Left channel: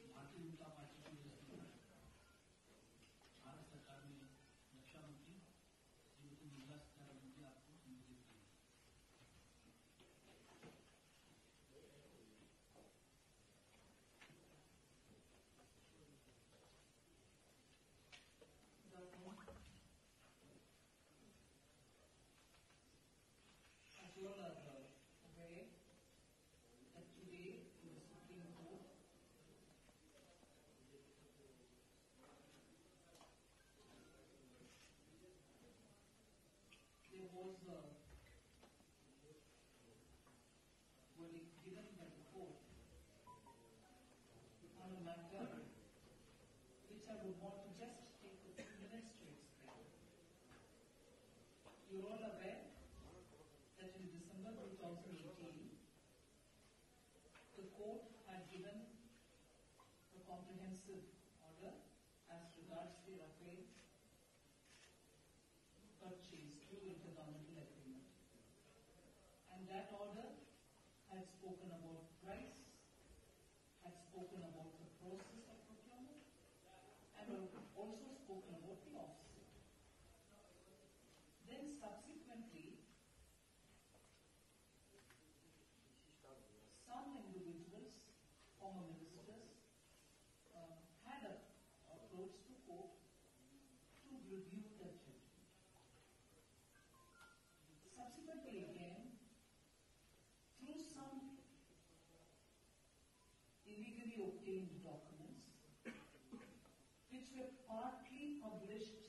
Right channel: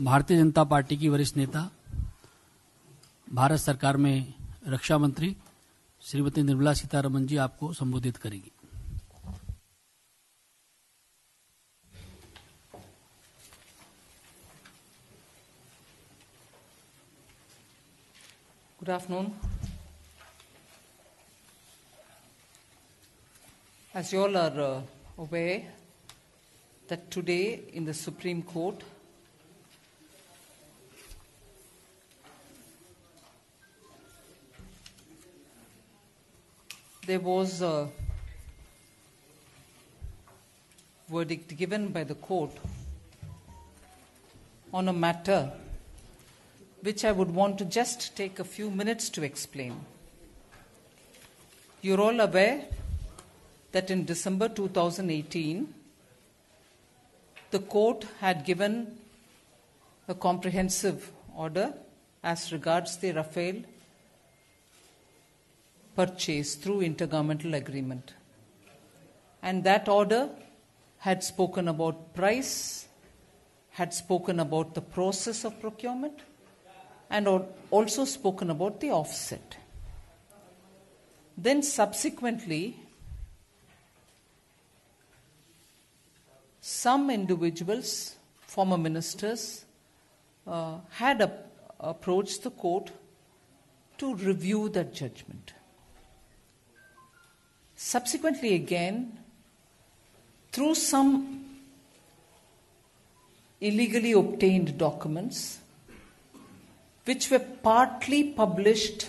Bharatiya Janata party की वरिष्ठ नेता, भारत सरकार में रक्षा मंत्री श्रीमती निर्मला सीतारमन जी आपको संबोधित करेंगी। Good afternoon. As you all are aware that today in the Supreme Court there was a verdict given by the court on a matter which I would want to just take a few minutes to explain. You're all aware that in December 2018, the court had given a comprehensive order as regards the Rafale purchase through intergovernmental agreement. And that order had spoken about price, had spoken about the process of procurement, and also spoken about the offset. Then subsequently, some individuals, former ministers, had approached the court to review that judgment. Subsequently again, through some illegally obtained documents, which were partly published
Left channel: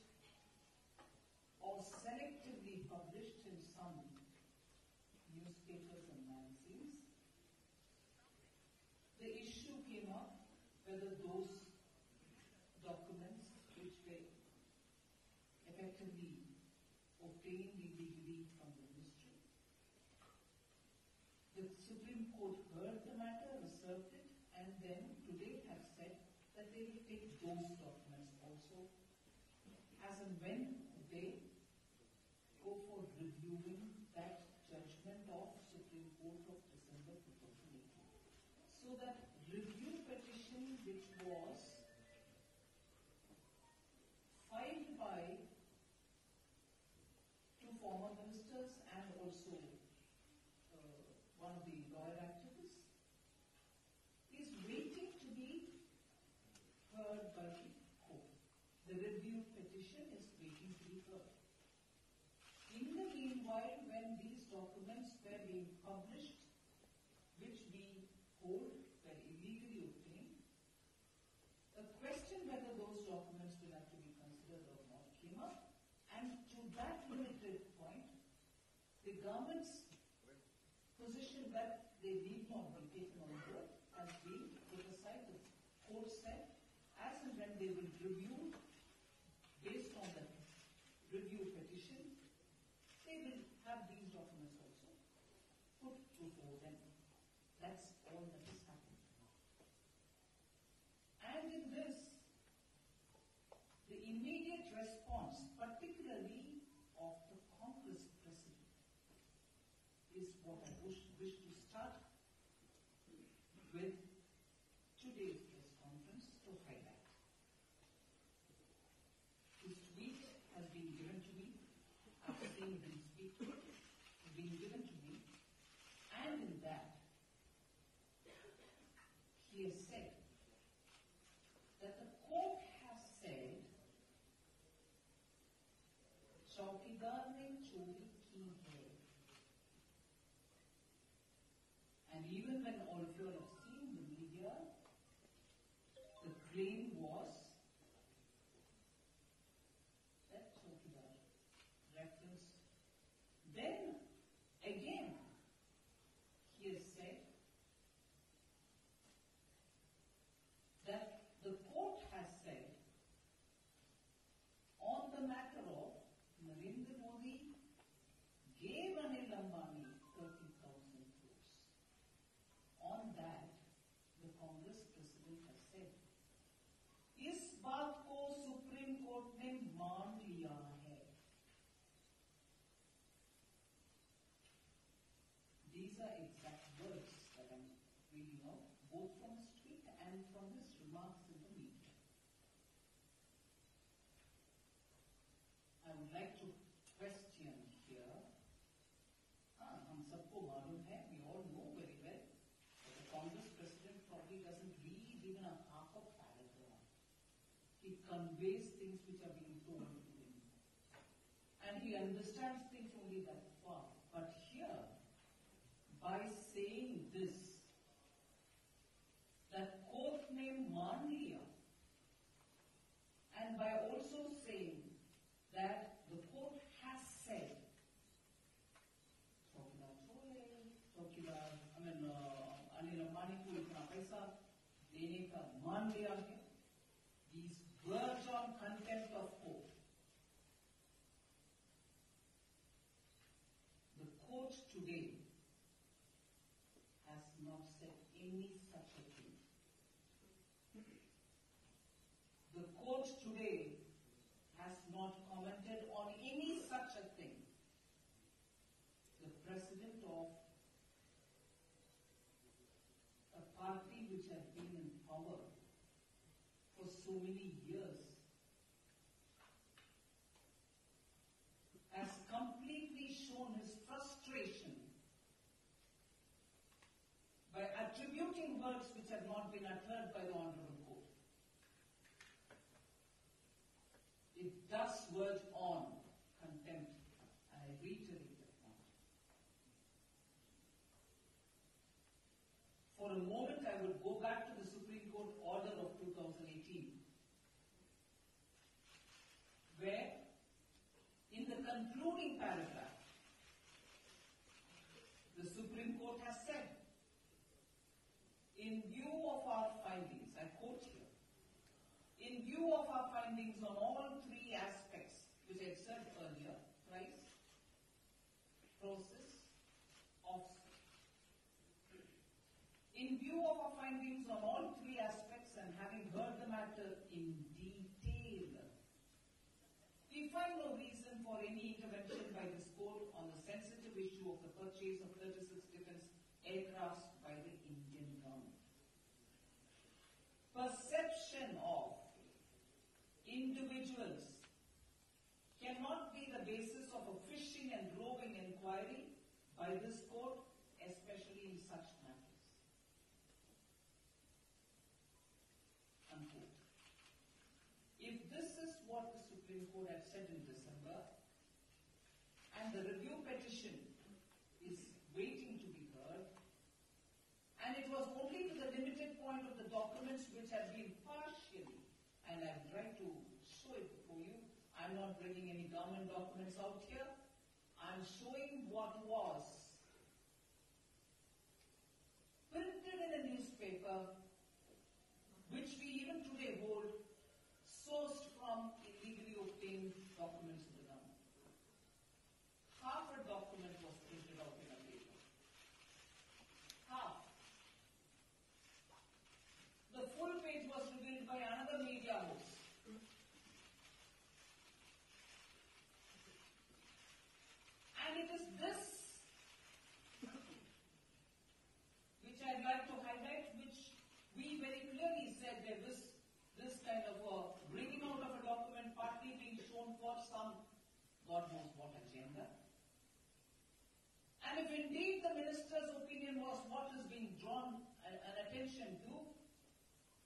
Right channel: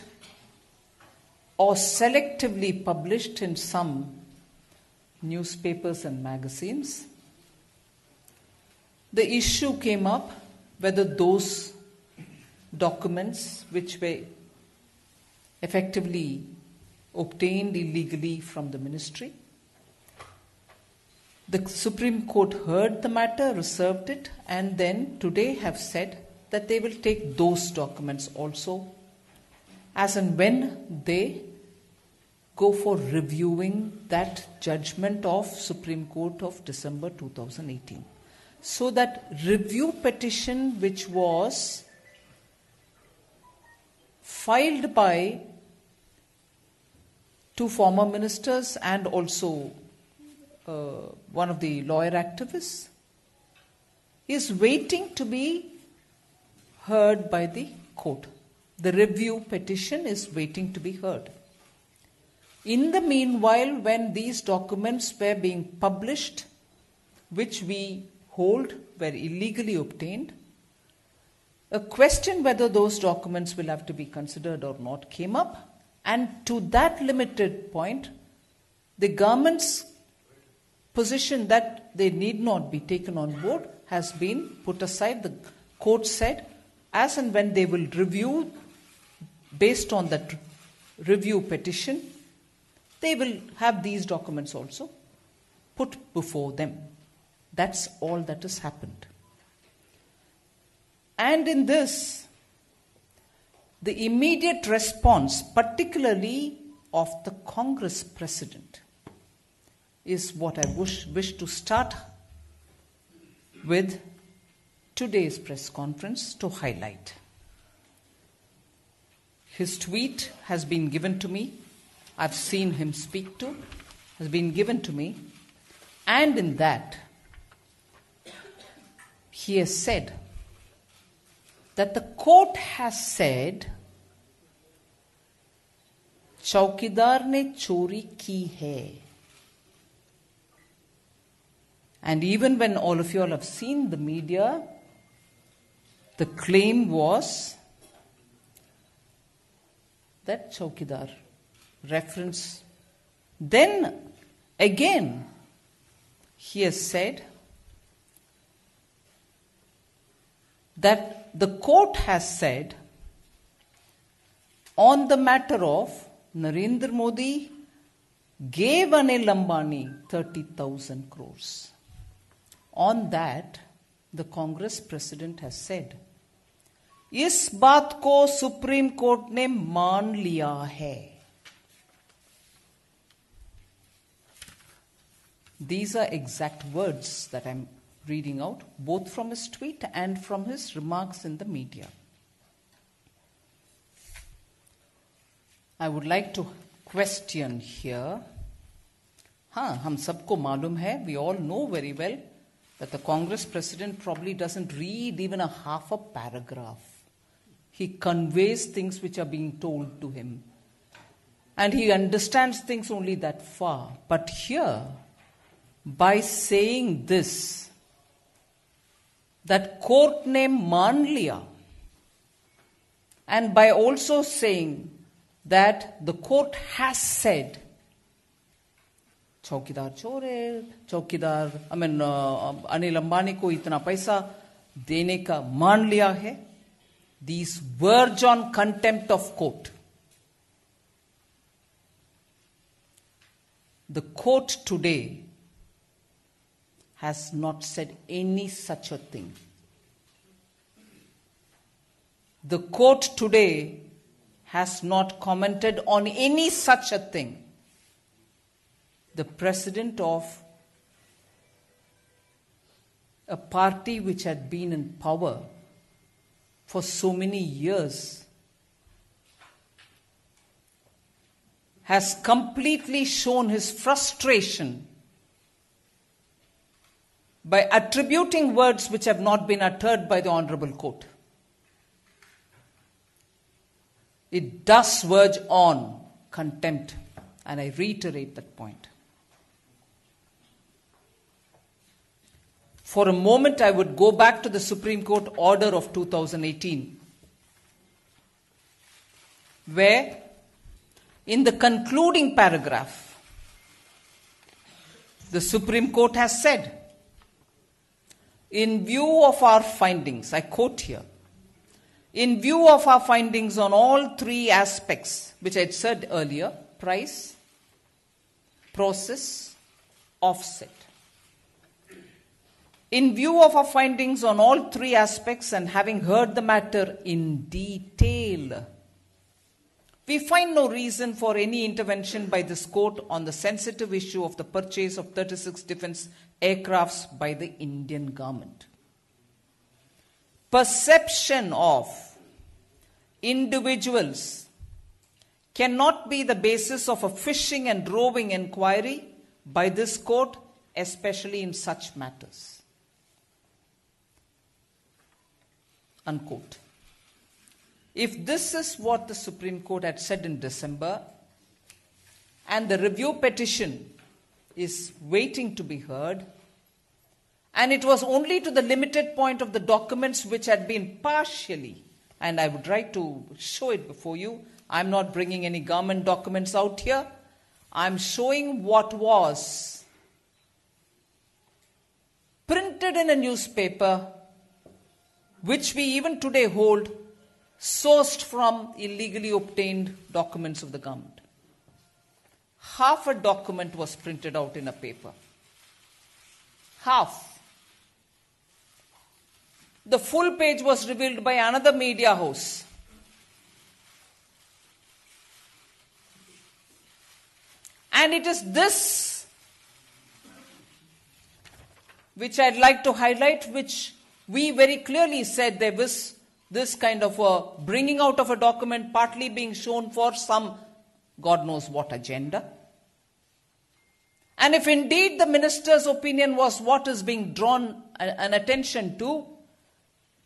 or selectively published in some newspapers and magazines, the issue came up whether those documents which were effectively obtained illegally from the ministry. The Supreme Court heard the matter, reserved it, and then today have said that they will take those documents also as and when they go for reviewing that judgment of Supreme Court of December 2018. So that review petition which was filed by two former ministers and also one of the lawyer activists is waiting to be heard by the court. The review petition is waiting to be heard. In the meanwhile, when these documents were being published, which we hold were illegally obtained, a question whether those documents will have to be considered or not came up, and to that limited point, the government's position that they need not be taken on board has been put aside. The court said, as and when they will review, based on that review petition, they will have these documents also put before them. That's all that has happened. And in this, the immediate response, particularly of the Congress President, is what I wish to start with today's press conference to highlight. His tweet has been given to me. I've seen him speak to, has been given to me. And in that, he has said that the court has said, चौकीदार ने चोरी की है. And even when all of you all have seen the media, the claim was that चौकीदार reference. Then again, he has said that the court has said on the matter of Narendra Modi gave Anil Ambani 30,000 crores. On that, the Congress President has said, इस बात को supreme court ने मान लिया है. These are exact words that I'm reading out, both from his tweet and from his remarks in the media. I would like to question here. हम सबको मालूम है, we all know very well that the Congress president probably doesn't read even a half a paragraph. He conveys things which are being told to him. And he understands things only that far. But here, by saying this, that court name मान लिया, and by also saying that the court has said, चौकीदार चोर है, चौकीदार अनिल अंबानी को इतना पैसा देने का मान लिया है, these verge on contempt of court. The court today has not said any such a thing. The court today has not commented on any such a thing. The president of a party which had been in power for so many years has completely shown his frustration by attributing words which have not been uttered by the Honorable Court. It does verge on contempt, and I reiterate that point. For a moment, I would go back to the Supreme Court order of 2018, where in the concluding paragraph, the Supreme Court has said, in view of our findings, I quote here, in view of our findings on all three aspects, which I had said earlier, price, process, offset. In view of our findings on all three aspects and having heard the matter in detail, we find no reason for any intervention by this court on the sensitive issue of the purchase of 36 defense aircrafts by the Indian government. Perception of individuals cannot be the basis of a fishing and roving inquiry by this court, especially in such matters. Unquote. If this is what the Supreme Court had said in December, and the review petition is waiting to be heard, and it was only to the limited point of the documents which had been partially, and I would like to show it before you. I'm not bringing any government documents out here. I'm showing what was printed in a newspaper, which we even today hold, sourced from illegally obtained documents of the government. Half a document was printed out in a paper. Half. The full page was revealed by another media house. And it is this which I'd like to highlight, which we very clearly said there was this kind of a bringing out of a document partly being shown for some God knows what agenda. And if indeed the minister's opinion was what is being drawn an attention to,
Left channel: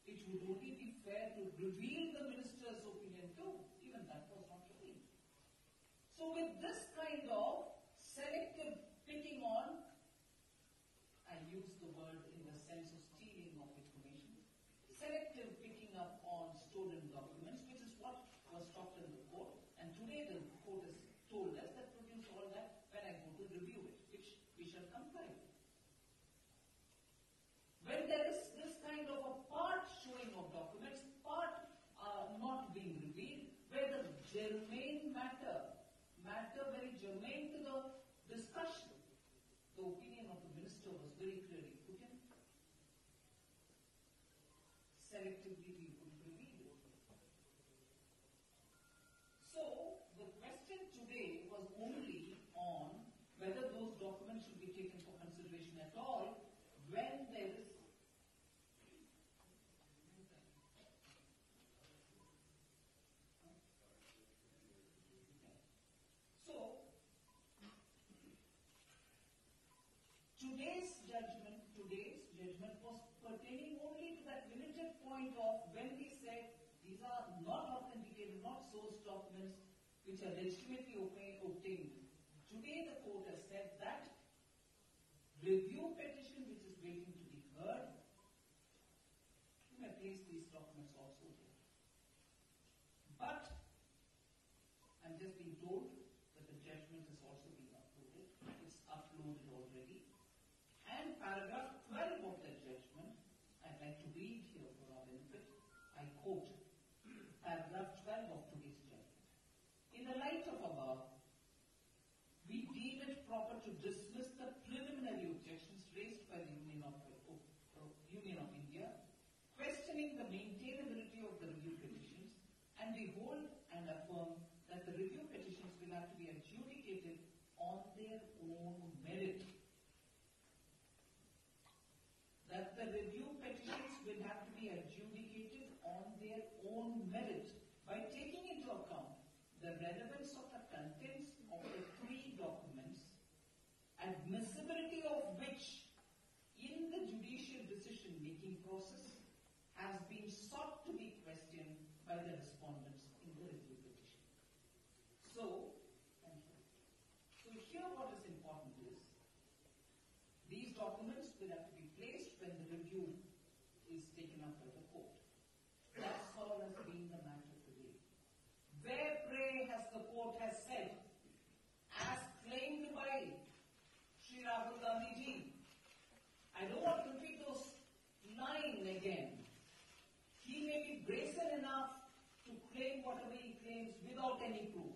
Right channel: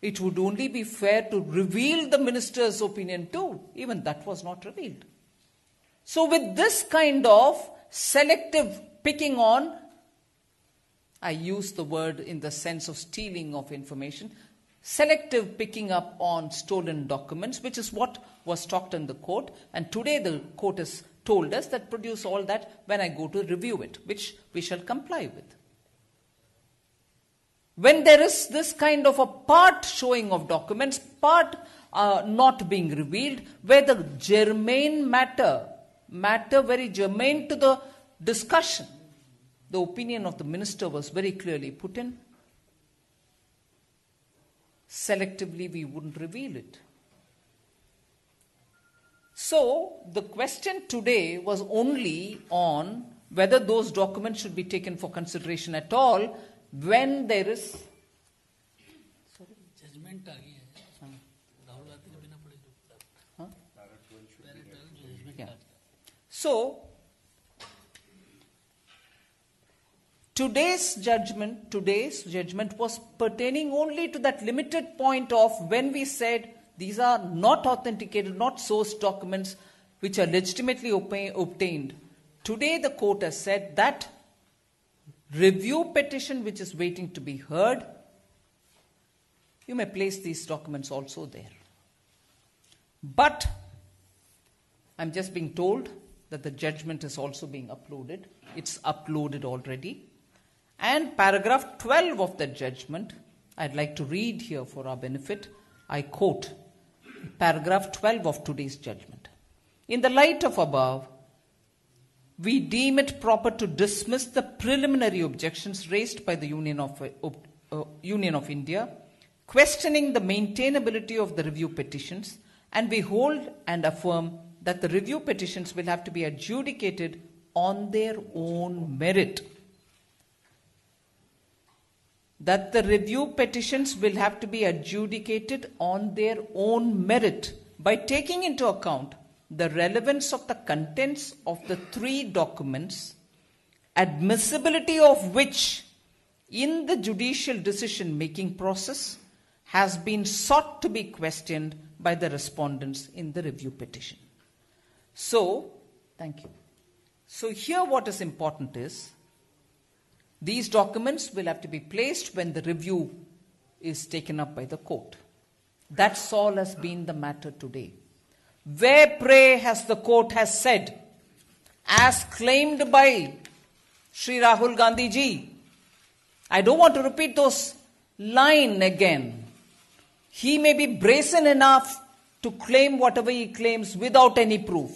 it would only be fair to reveal the minister's opinion too. Even that was not revealed. So with this kind of selective picking on, I use the word in the sense of stealing of information, selective picking up on stolen documents, which is what was talked in the court. And today the court has told us that produce all that when I go to review it, which we shall comply with. When there is this kind of a part showing of documents, part not being revealed, where the germane matter very germane to the discussion, the opinion of the minister was very clearly put in. Selectively, we wouldn't reveal it. So, the question today was only on whether those documents should be taken for consideration at all, when there is... judgement आ गई है राहुल गांधी ने बिना पढ़े So, today's judgment was pertaining only to that limited point of when we said these are not authenticated, not sourced documents which are legitimately obtained. Today the court has said that review petition which is waiting to be heard, you may place these documents also there. But I'm just being told that the judgment is also being uploaded. It's uploaded already. And paragraph 12 of the judgment, I'd like to read here for our benefit. I quote paragraph 12 of today's judgment. In the light of above, we deem it proper to dismiss the preliminary objections raised by the Union of India, questioning the maintainability of the review petitions, and we hold and affirm that the review petitions will have to be adjudicated on their own merit. That the review petitions will have to be adjudicated on their own merit by taking into account the relevance of the contents of the three documents, admissibility of which in the judicial decision-making process has been sought to be questioned by the respondents in the review petition. So, thank you. So here what is important is, these documents will have to be placed when the review is taken up by the court. That's all has been the matter today. Where, pray, has the court has said, as claimed by Sri Rahul Gandhi ji, I don't want to repeat those lines again. He may be brazen enough to claim whatever he claims without any proof.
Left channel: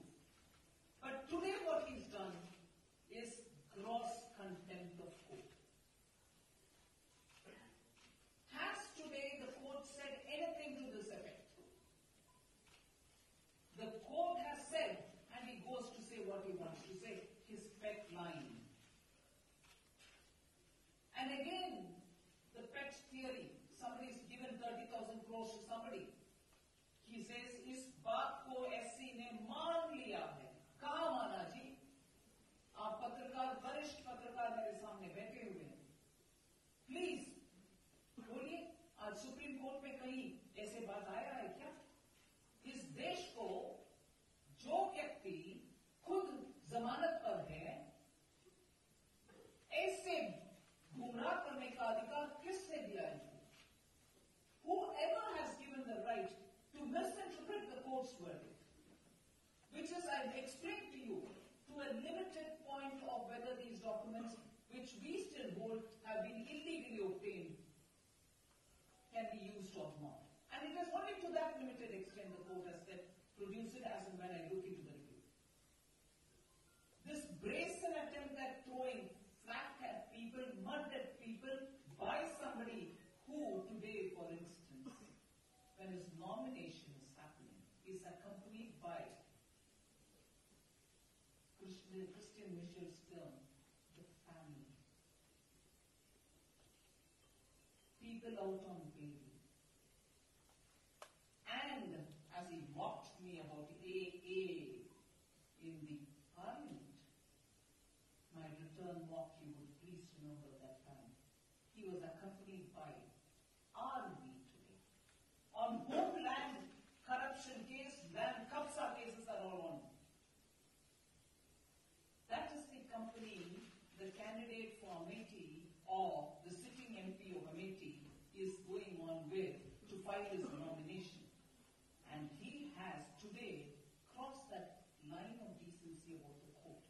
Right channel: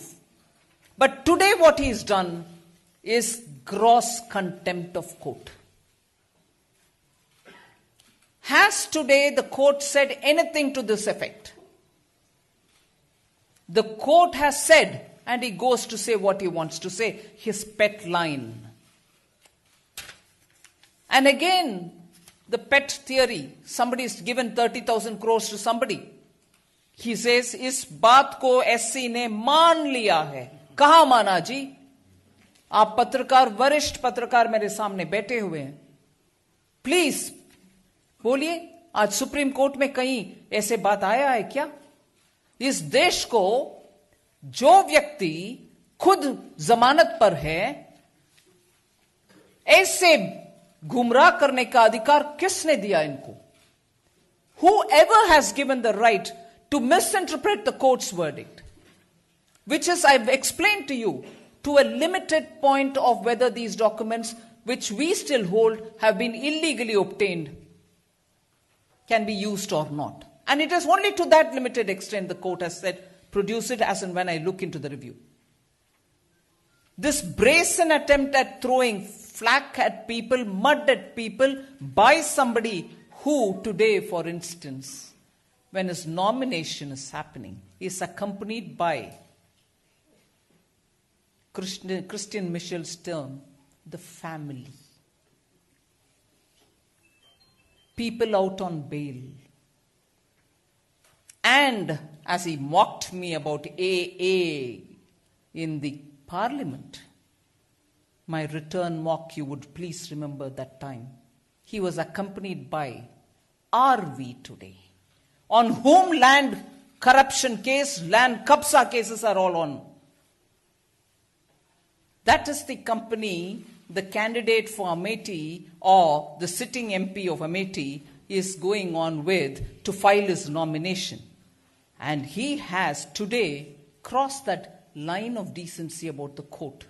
But today what he's done is gross contempt of court. Has today the court said anything to this effect? The court has said, and he goes to say what he wants to say, his pet line. And again, the pet theory, somebody is given 30,000 crores to somebody. He says, इस बात को SC ने मान लिया है. कहाँ माना जी? आप पत्रकार, वरिष्ठ पत्रकार मेरे सामने बैठे हुए हैं. प्लीज बोलिए, आज सुप्रीम कोर्ट में कहीं ऐसे बात आया है क्या? इस देश को जो व्यक्ति खुद जमानत पर है, ऐसे गुमराह करने का अधिकार किसने दिया इनको? Whoever has given the right to misinterpret the court's verdict, which is, I've explained to you, to a limited point of whether these documents, which we still hold, have been illegally obtained, can be used or not. And it is only to that limited extent the court has said, produce it as and when I look into the review. This brazen attempt at throwing flack at people, mud at people, by somebody who today, for instance, when his nomination is happening, is accompanied by Christian Michel's term, the family. People out on bail. And as he mocked me about AA in the parliament, my return mock, you would please remember that time. He was accompanied by RV today, on whom land corruption case, land kabza cases are all on. That is the company the candidate for Amethi or the sitting MP of Amethi is going on with to file his nomination. And he has today crossed that line of decency about the court.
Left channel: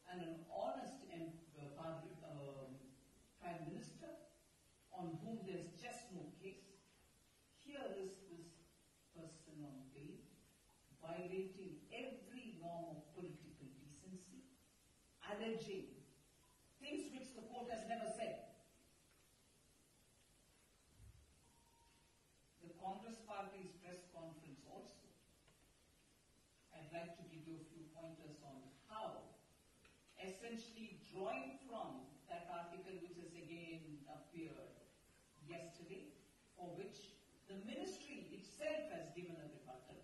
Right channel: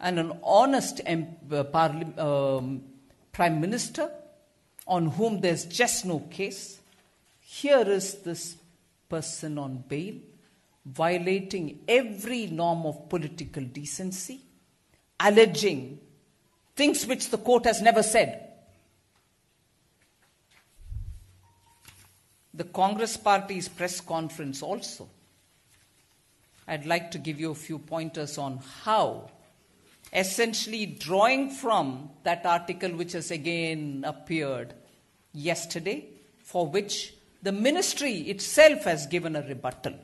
And an honest Prime Minister on whom there's just no case, here is this person on bail, violating every norm of political decency, alleging things which the court has never said. The Congress Party's press conference also, I'd like to give you a few pointers on how essentially drawing from that article which has again appeared yesterday, for which the ministry itself has given a rebuttal,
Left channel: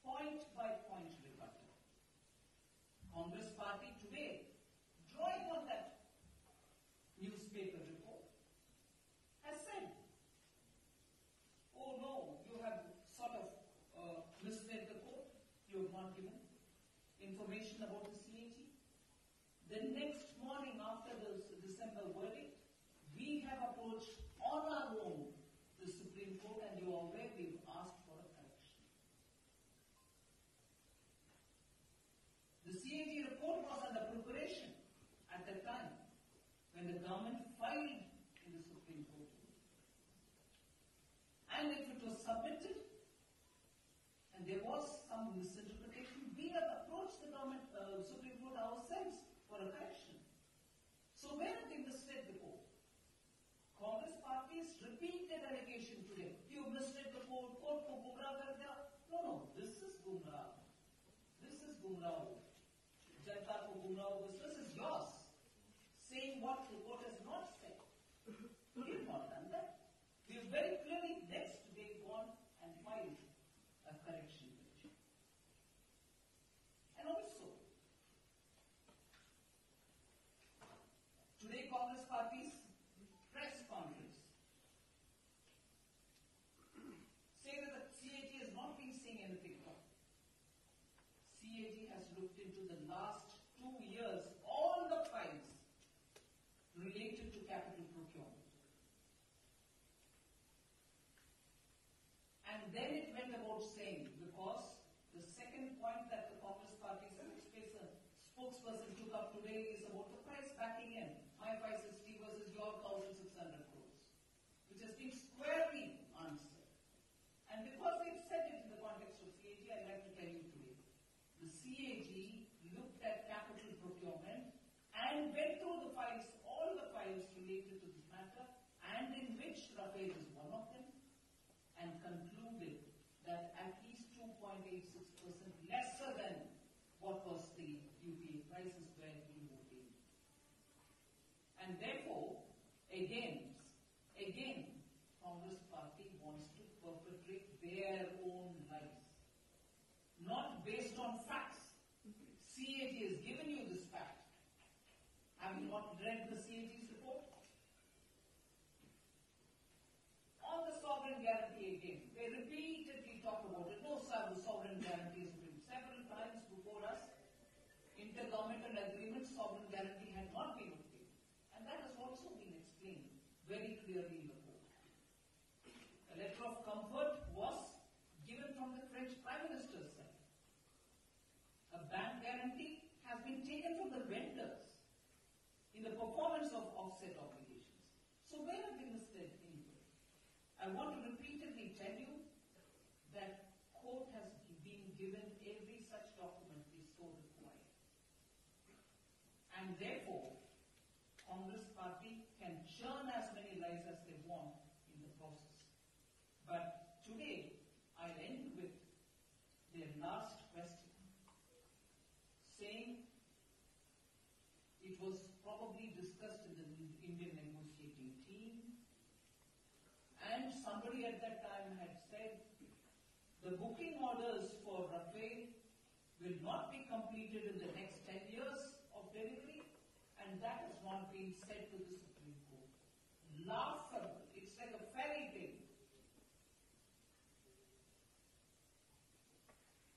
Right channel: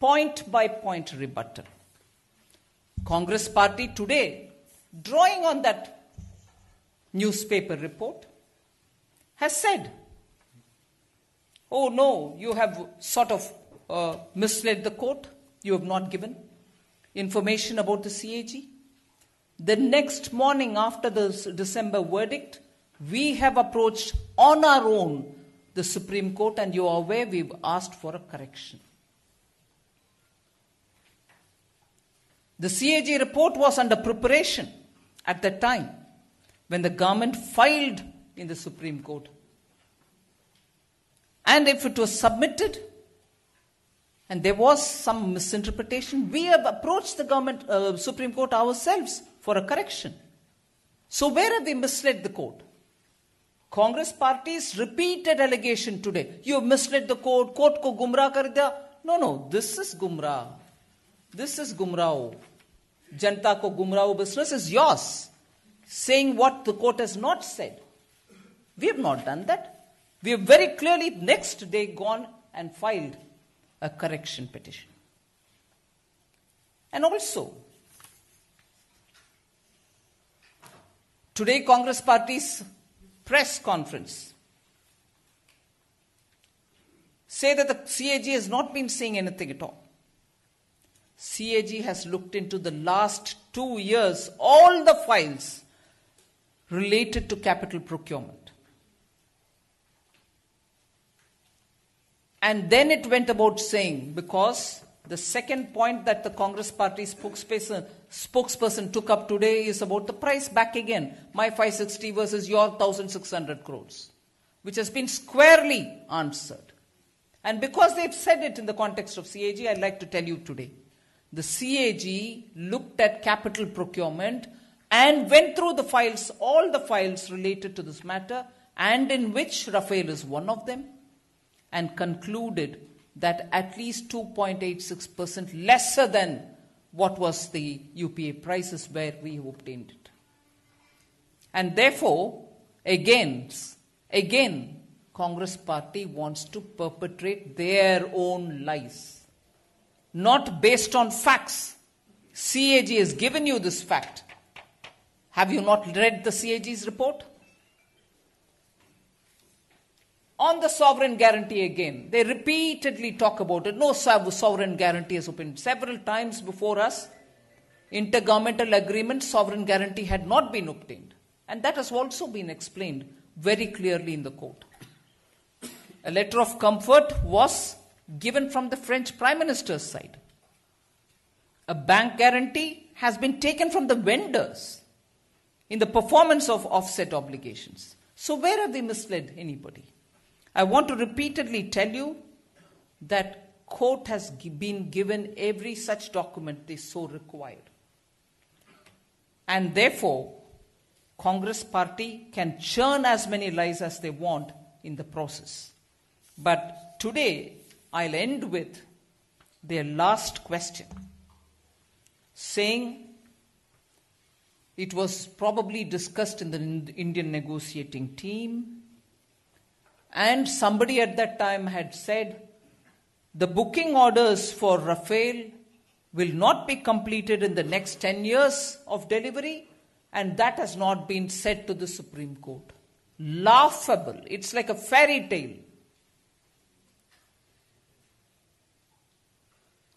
point by point rebuttal. Congress party today, drawing on that newspaper report, has said, oh no, you have sort of misled the court, you have not given information about the CAG. The next morning after the December verdict, we have approached on our own the Supreme Court, and you are aware we've asked for a correction. The CAG report was under preparation at that time when the government filed in the Supreme Court. And if it was submitted and there was some misinterpretation, we have approached the government, Supreme Court ourselves for a correction. So where have we misled the court? Congress party's repeated allegation today, you have misled the court ko gumrah kar diya. No, this is gumrah. This is gumrah. Janta ko gumrah business is yours. Saying what the court has not said. We have not done that. We have very clearly next day gone and filed a correction petition. And also, today Congress party's press conference say that the CAG has not been saying anything at all. CAG has looked into the last 2 years, all the files related to capital procurement. And then it went about saying, because the second point that the Congress party spokesperson took up today is about the price back again. My 560 versus your 1,600 crores, which has been squarely answered. And because they've said it in the context of CAG, I'd like to tell you today. The CAG looked at capital procurement and went through the files, all the files related to this matter, and in which Rafale is one of them, and concluded that at least 2.86% lesser than what was the UPA prices where we obtained it. And therefore, again, Congress party wants to perpetrate their own lies. Not based on facts. CAG has given you this fact. Have you not read the CAG's report? On the sovereign guarantee again, they repeatedly talk about it. No sovereign guarantee has opened. Several times before us, intergovernmental agreement, sovereign guarantee had not been obtained. And that has also been explained very clearly in the court. A letter of comfort was given from the French Prime Minister's side. A bank guarantee has been taken from the vendors in the performance of offset obligations. So where have they misled anybody? I want to repeatedly tell you that court has been given every such document they so required. And therefore, Congress party can churn as many lies as they want in the process. But today, I'll end with their last question, saying it was probably discussed in the Indian negotiating team, and somebody at that time had said the booking orders for Rafale will not be completed in the next 10 years of delivery, and that has not been said to the Supreme Court. Laughable. It's like a fairy tale.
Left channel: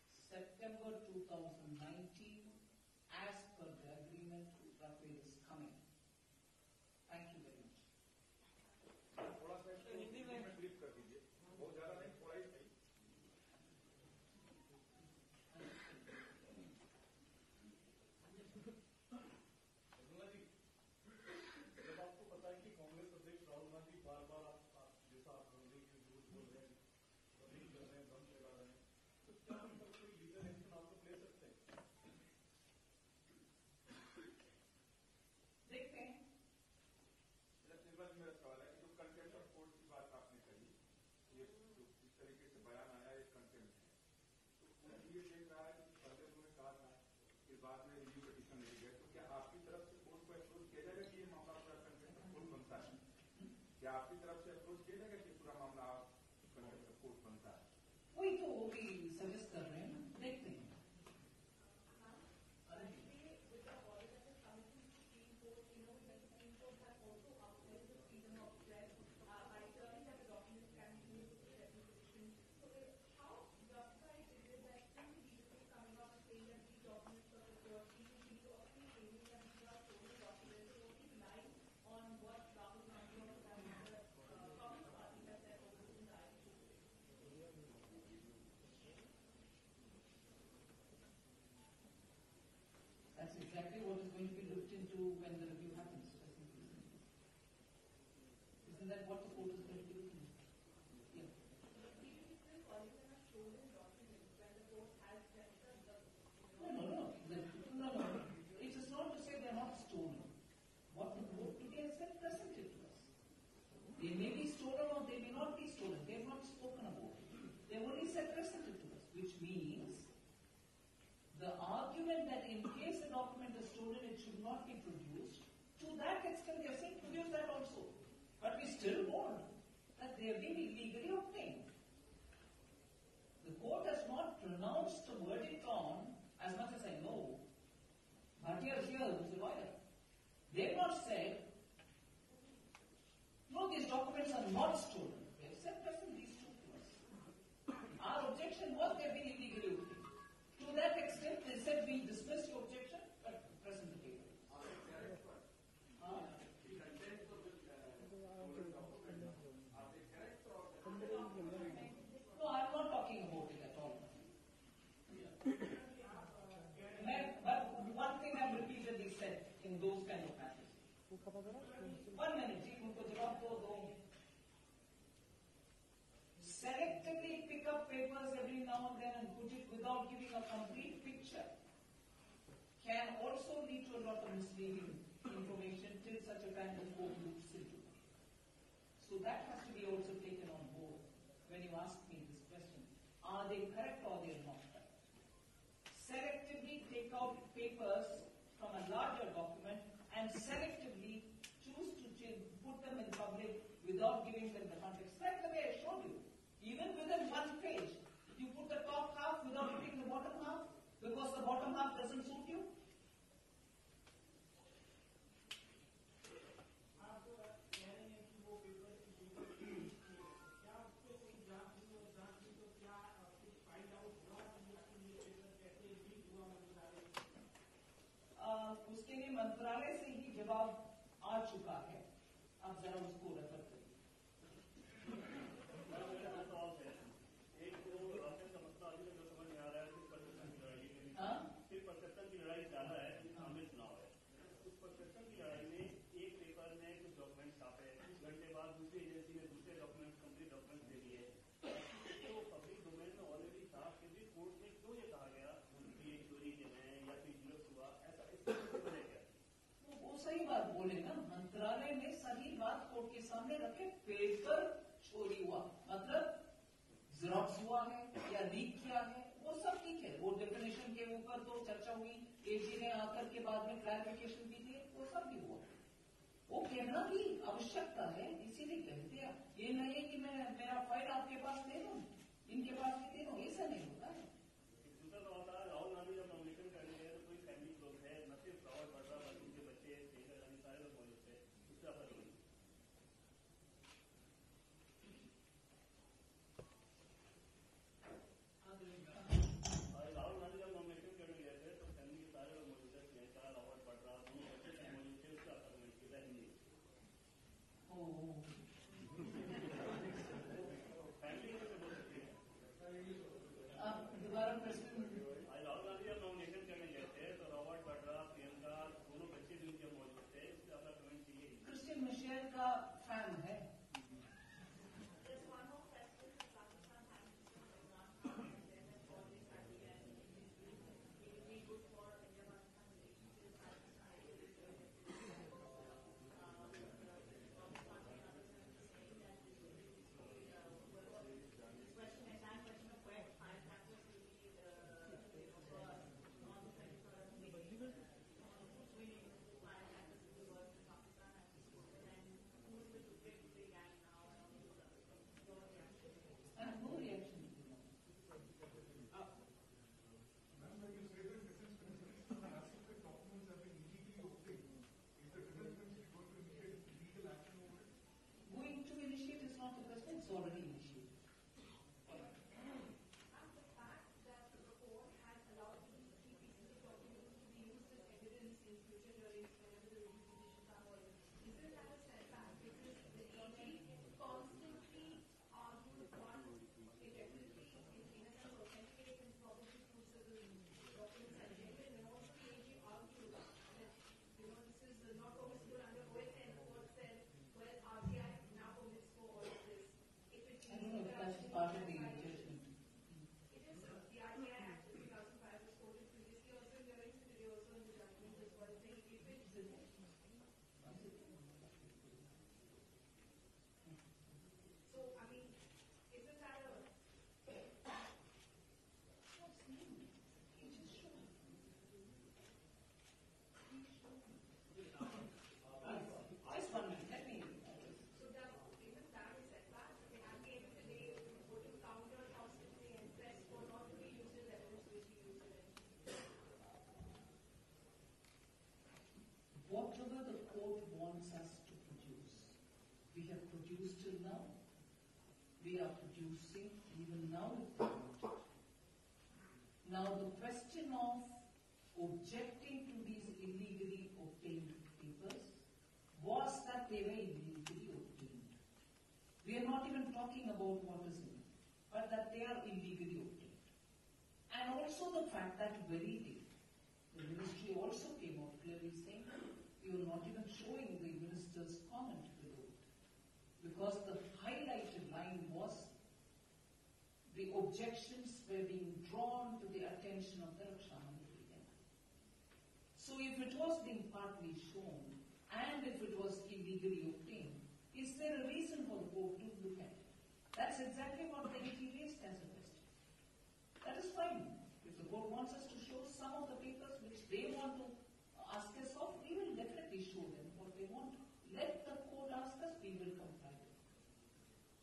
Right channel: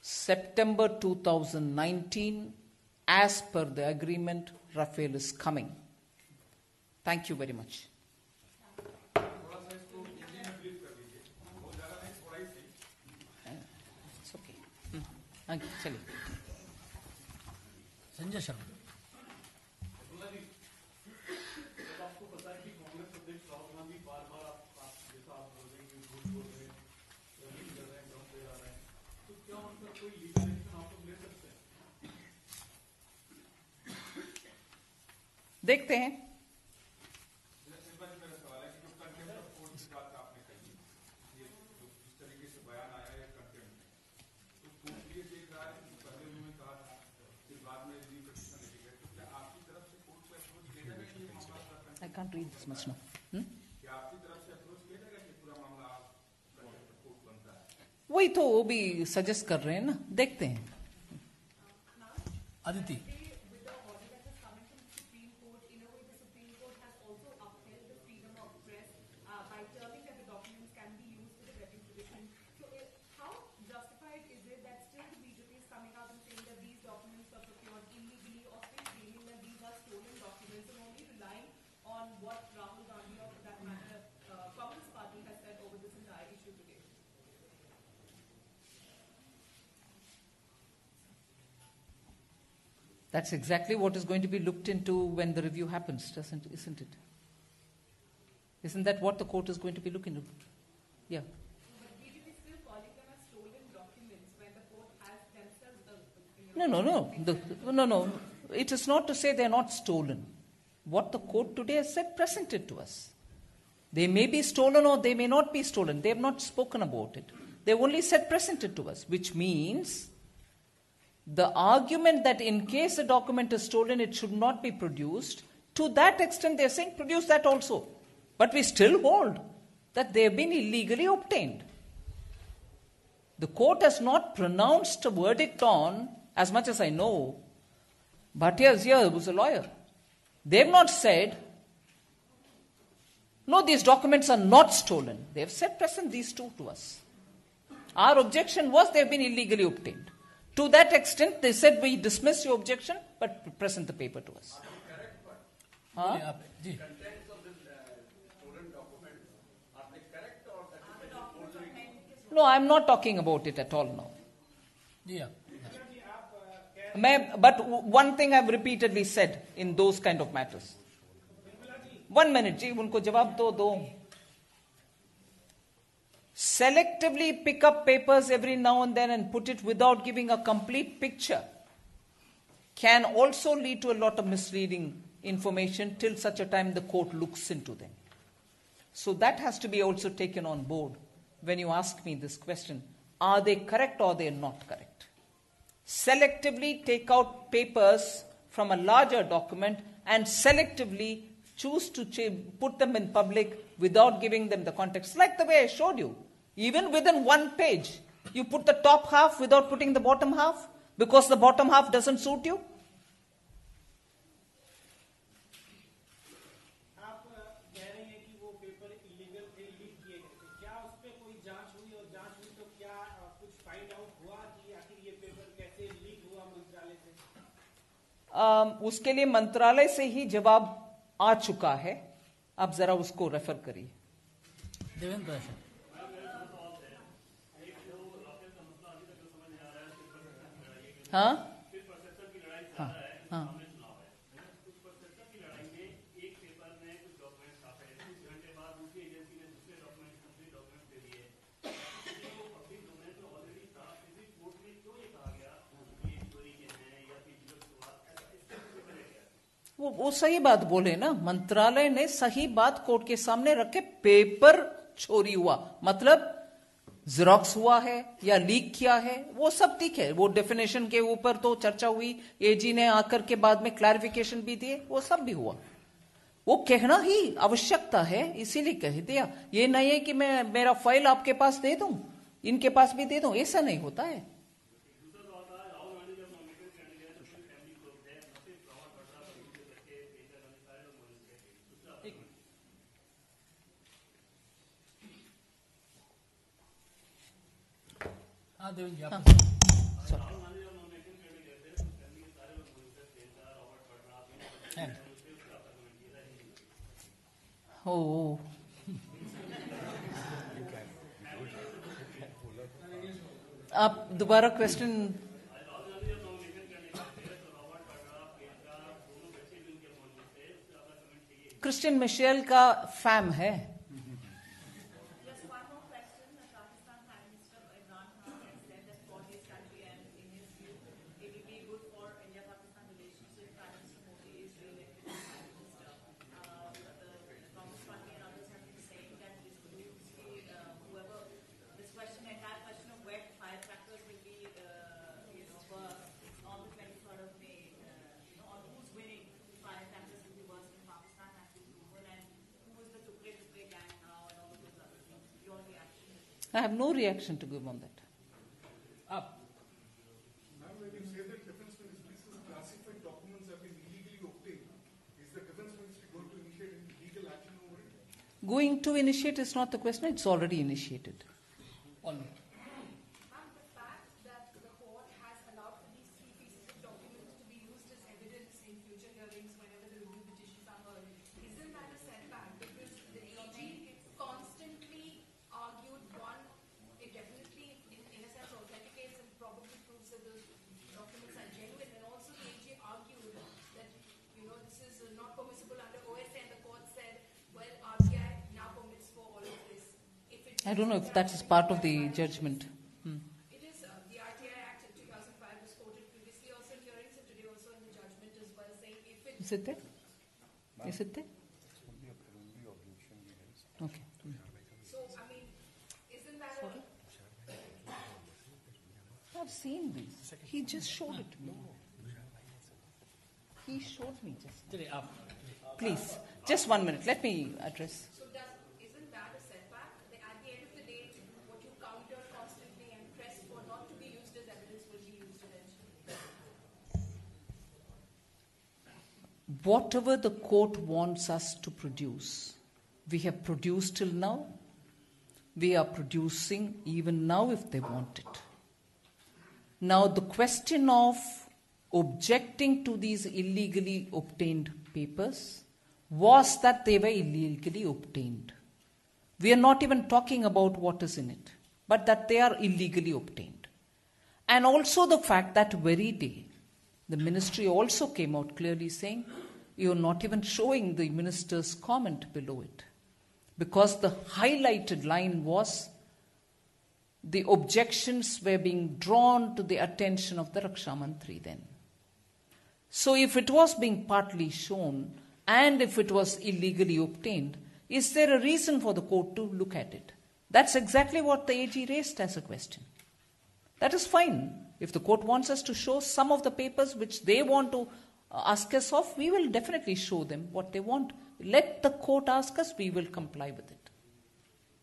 September 2019, as per the agreement, Rafale is coming. Thank you very much. It's okay. Thank you. Chaliye. Sanjay Sharma. देखते हैं. I can't read this much now. वही तो वो भी suggest कर रहे हैं ना, देखते हैं. Aditi. That's exactly what is going to be looked into when the review happens, isn't it? Isn't that what the court is going to be looking into? Yeah. No. It is not to say they are not stolen. What the court today has said, presented to us. They may be stolen or they may not be stolen. They have not spoken about it. They have only said presented to us, which means the argument that in case a document is stolen, it should not be produced, to that extent they are saying produce that also. But we still hold that they have been illegally obtained. The court has not pronounced a verdict on, as much as I know, Bhatia here was a lawyer. They have not said, no, these documents are not stolen. They have said present these two to us. Our objection was they have been illegally obtained. To that extent, they said we dismiss your objection, but present the paper to us. Huh? No, I am not talking about it at all now. Yeah. But one thing I have repeatedly said in those kind of matters. 1 minute, ji, unko jawab do. Selectively pick up papers every now and then and put it without giving a complete picture can also lead to a lot of misleading information till such a time the court looks into them. So that has to be also taken on board when you ask me this question. Are they correct or are they not correct? Selectively take out papers from a larger document and selectively choose to put them in public without giving them the context. Like the way I showed you. Even within one page, you put the top half without putting the bottom half because the bottom half doesn't suit you. उसके लिए मंत्रालय से ही जवाब आ चुका है. आप जरा उसको रेफर करिए. देवेंद्र हाँ हाँ वो सही बात बोले ना. मंत्रालय ने सही बात कोर्ट के सामने रखे. पेपर चोरी हुआ मतलब ज़ेरॉक्स हुआ है या लीक किया है, वो सब ठीक है. वो डेफिनेशन के ऊपर तो चर्चा हुई, एजी ने आकर के बाद में क्लैरिफिकेशन भी दिए, वो सब भी हुआ. वो कहना ही आवश्यकता है, इसीलिए कह दिया. ये नहीं है कि मैं मेरा फाइल आपके पास दे दूं, इनके पास भी दे दूं, ऐसा नहीं होता है. हाँ देवेंद्र जी आप. Oh. आप दोबारा क्वेश्चन. क्रिस्टियन मिशेल का फैम है. I have no reaction to give on that. Up. Ma'am, when you say that Defence Ministry's classified documents have been illegally obtained, is the Defence Ministry going to initiate any legal action over it? Going to initiate is not the question, it's already initiated. On. And the fact that the court has allowed for these three pieces of documents to be used as evidence in future hearings whenever the review petitions are heard, isn't that a setback? Because the AG constantly argued one, it definitely in a sense authenticates and probably proves that those documents are genuine, and also the AG argued that this is not permissible under OSA, and the court said, well, RBI now permits for all of this. I don't know if that is part of the judgment. It is the RTI Act of 2005 was quoted previously also in hearings and today also in the judgment as well, saying if it... Is it there? Is it there? Okay. So, I mean, isn't that I've seen this. He just showed it to me. He showed me just. चलिए आप. Please, just 1 minute. Let me address. So isn't that a setback? At the end of the day, what you counter constantly and press for not to be used as evidence will be used eventually. Whatever the court wants us to produce, we have produced till now. We are producing even now if they want it. Now the question of objecting to these illegally obtained papers was that they were illegally obtained. We are not even talking about what is in it, but that they are illegally obtained. And also the fact that very day, the ministry also came out clearly saying, you are not even showing the minister's comment below it. Because the highlighted line was, the objections were being drawn to the attention of the Raksha Mantri then. So if it was being partly shown, and if it was illegally obtained, is there a reason for the court to look at it? That's exactly what the AG raised as a question. That is fine. If the court wants us to show some of the papers which they want to ask us of, we will definitely show them what they want. Let the court ask us, we will comply with it.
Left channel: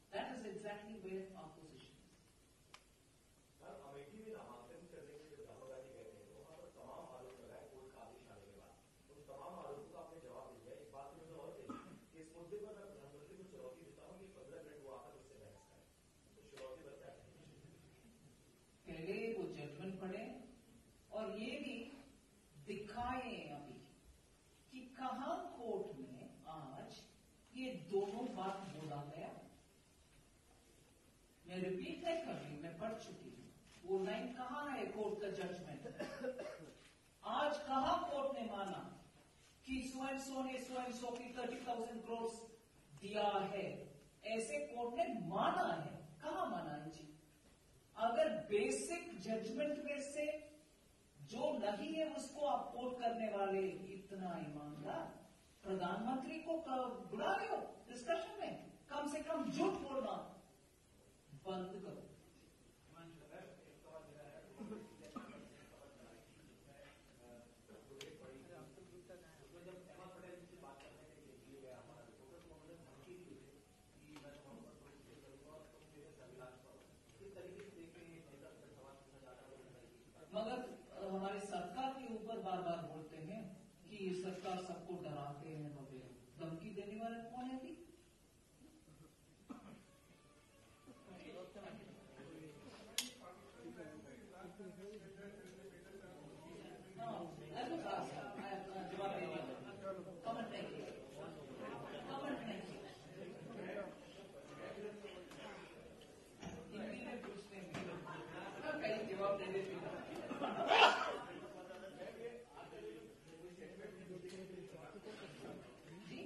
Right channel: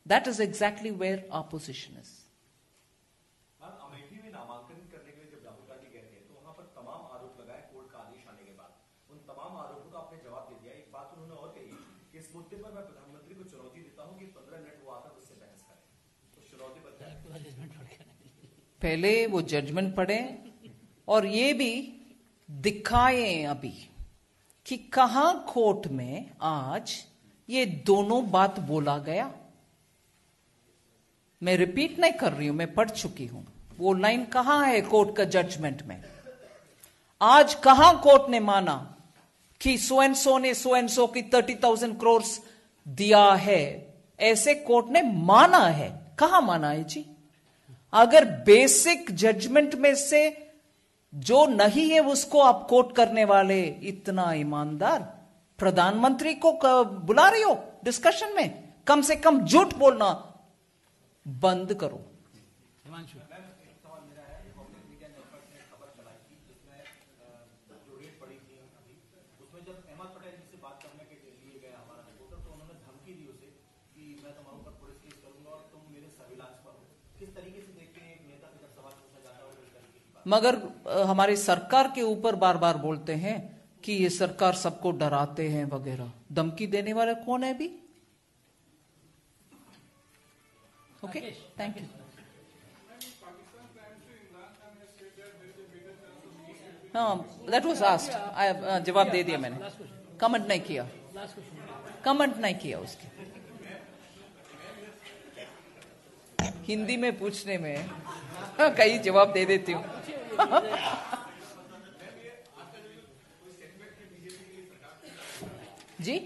That is exactly where our position is. Amethi में नामांकन करने के लिए जब राहुल गांधी गए थे तो वहां पर तमाम आरोप लगाए कोर्ट का आदेश आने के बाद उन तमाम आरोपों का आपने जवाब दे दिया. एक बात उन्होंने और कही कि इस मुद्दे पर मैं प्रधानमंत्री को चुनौती देता हूं कि 15 मिनट वो आकर उससे बहस करें. तो चुनौती पर पहले वो जजमेंट पढ़े और ये भी दिखाएं अभी कि कहां कोर्ट में आज ये दोनों बात बोला गया. मैं रिपीट नहीं कर रही हूं, मैं पढ़ चुकी हूं. वो लाइन कहां है कोर्ट का जजमेंट में? आज कहां कोर्ट ने माना कि सो एंड सो ने सो एंड सो की 30,000 करोड़ दिया है, ऐसे कोर्ट ने माना है. कहां माना है जी? अगर बेसिक जजमेंट में से जो नहीं है उसको आप कोट करने वाले इतना ईमानदार प्रधानमंत्री को बुला रही हो डिस्कशन में, कम से कम झूठ बोलना बंद करो. हिमांशु. मगर हमारी सरकार के ऊपर बार बार बोलते हैं कि ये सरकार सबको डराते हैं वगैरह. धमकी देने वाला कौन है अभी? Okay, thank you. हाँ, दैट वाज आस्क्ड. जवाब दे दिया मैंने. कमेंट नहीं किया. कमेंट नहीं किया उसके. हिंदी में पूछने में कई जवाब दे देती हूँ. जी,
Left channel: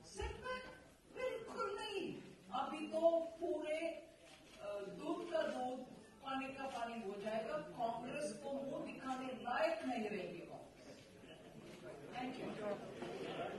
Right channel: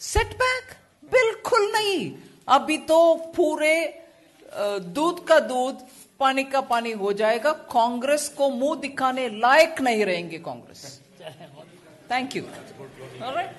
सेटबैक बिल्कुल नहीं. अभी तो पूरे दूध का दूध पानी का पानी हो जाएगा. कांग्रेस को मुंह दिखाने लायक नहीं रहेंगे कांग्रेस. Thank you. ऑलराइट.